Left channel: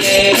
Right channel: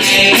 Hey.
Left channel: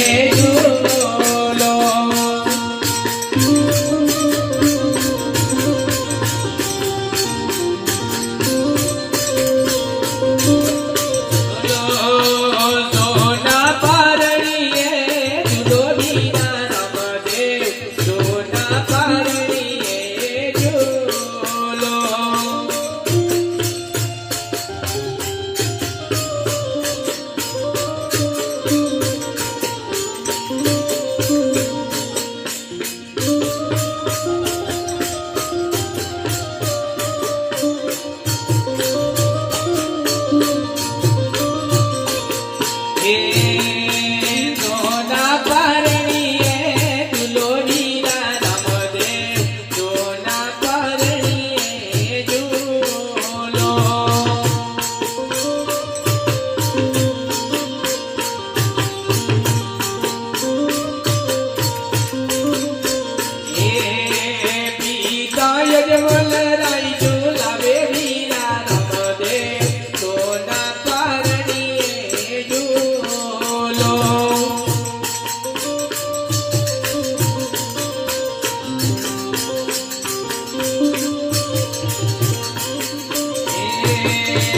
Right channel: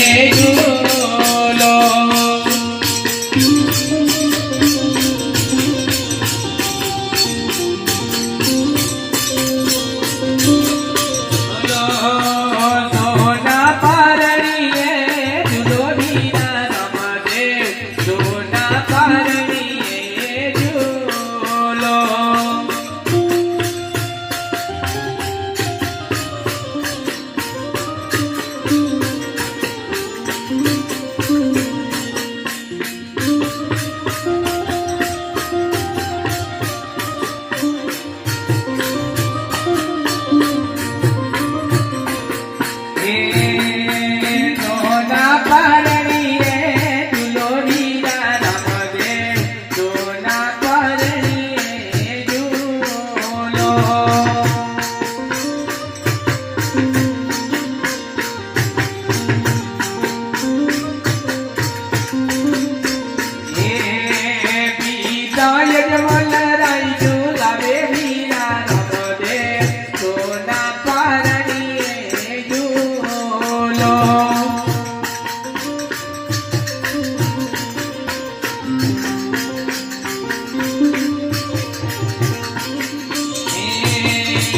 Thank you.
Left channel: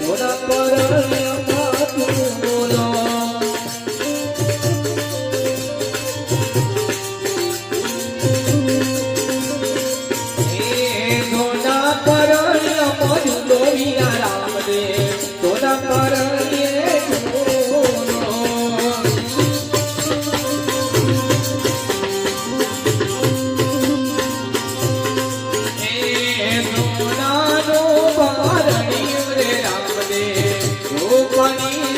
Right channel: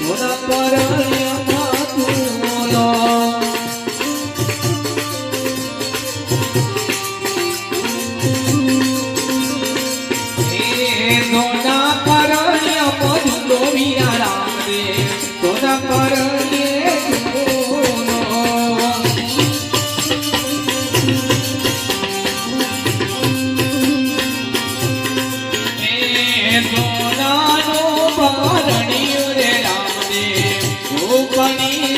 મારા પરાયા બાપુ